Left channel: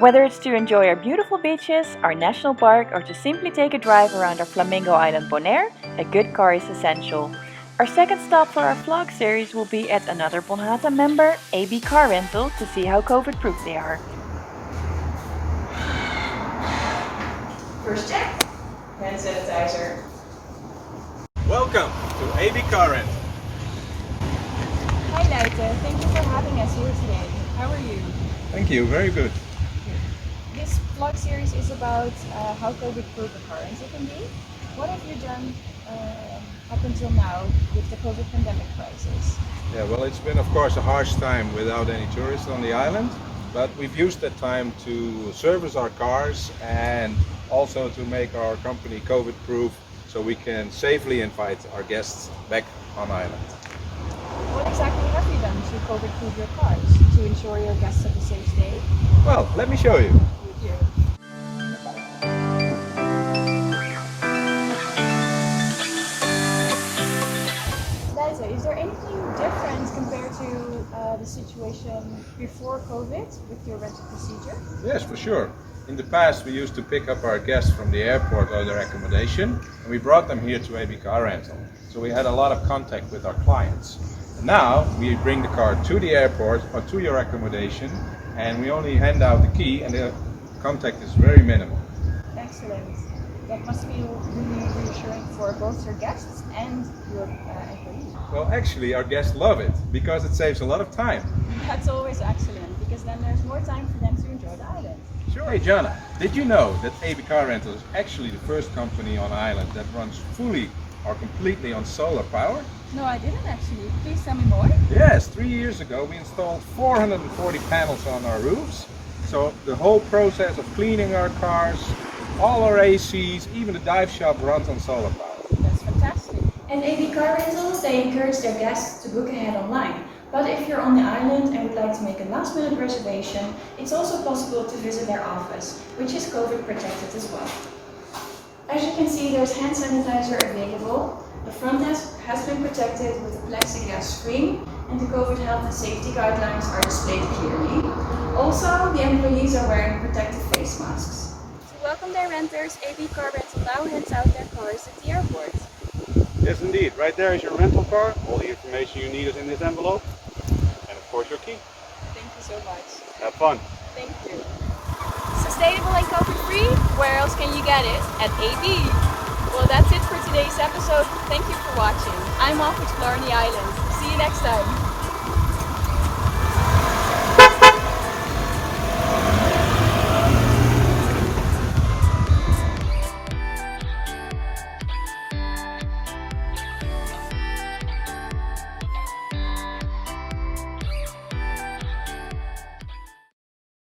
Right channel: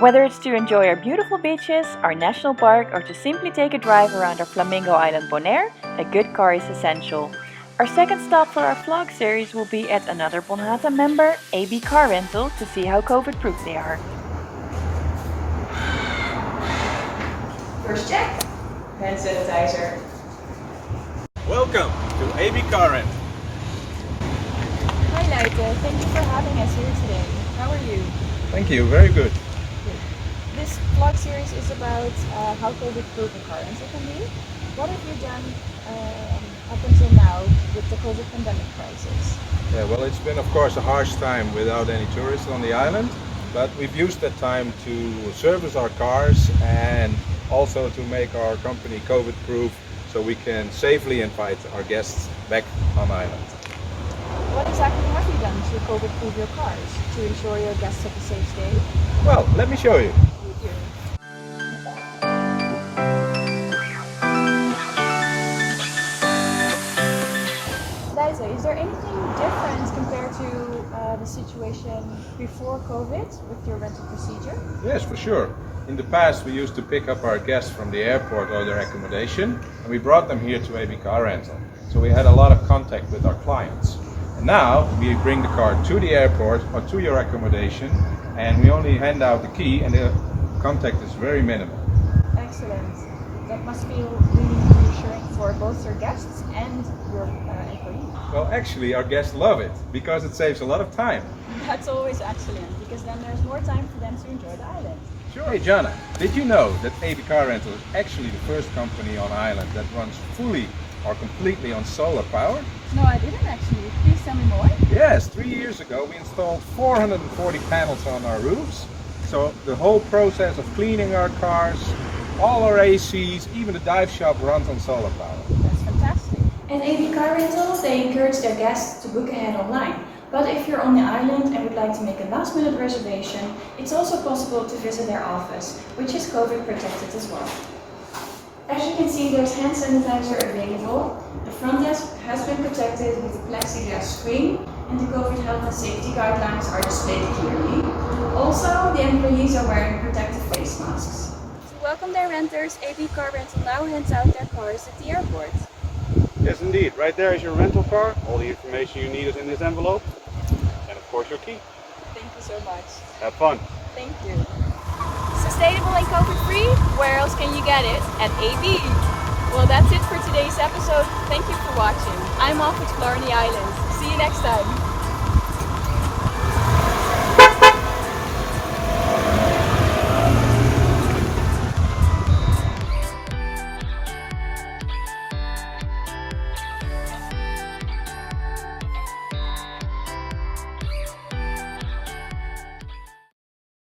Whether it's to enjoy our beautiful beaches, our national park, or to simply take a drive around our Flamingo Island Bonaire, a good car is essential. Our second stop for our vlog series will be at another BONHATA member, AB Car Rental, to see how COVID-proof they are. First check, hand sanitizer. Welcome to AB Car Rental. Hi Leite, thank you for having us here today. How are you? Thank you, very good. This vlog series is about how COVID-proof a car rental can be. What have you done up until now with the COVID pandemic crisis? Yeah, well, it's been, of course, a harsh time without any tourists on the island, but we've used that time to service our cars and also to make our company COVID-proof so we can safely invite our guests back on island. What exactly have you done to COVID-proof your cars to ensure your guests have a safe stay? Well, let me show you. Thank you. Liza, is there anything different compared to the situation before COVID with your rental procedure? Yes, for sure. In the past, we used to pick up our guests from the airport or their accommodation, and we brought them here to AB Car Rental. So we had a lot of contact with our clients. And now we bring the car to the airport or to your accommodation, and we only hand out the key, and the contact is very minimal. Excellent. That must feel really reassuring for both your guests and your employees. Well, actually, our guests love it because it saves a lot of time. That's always excellent, because then there's more time for them to enjoy the island. Sure. Hey, Jana, did you know that AB Car Rental is actually the first company on island that runs fully or completely on solar power? No, I didn't actually. Please tell me more. Yes, 3 years ago we installed 440 panels on our roofs. So the whole process of cleaning our cars, all our ACs, even the dive shop runs on solar power. That's fantastic. At AB Car Rental, they encourage their guests to book ahead online. But if you're on the island and would like to make a last-minute reservation, it's also possible to visit their office, which is COVID protected as well. As you can see, there's hand sanitizer available. The front desk has been protected with a plexiglass screen, and the COVID health and safety guidelines are displayed clearly. Also, the employees are wearing protective face masks. To welcome their renters, AB Car Rental now hands out their cars at the airport. Yes, indeed. Right there is your rental car. All the information you need is in this envelope. And of course your key. Thank you so much. Have fun. Thank you. Sustainable and COVID-free? Where else can you get it? At AB. Well, that's it for today's episode. Thank you for watching. I'm off exploring the island. See you next time.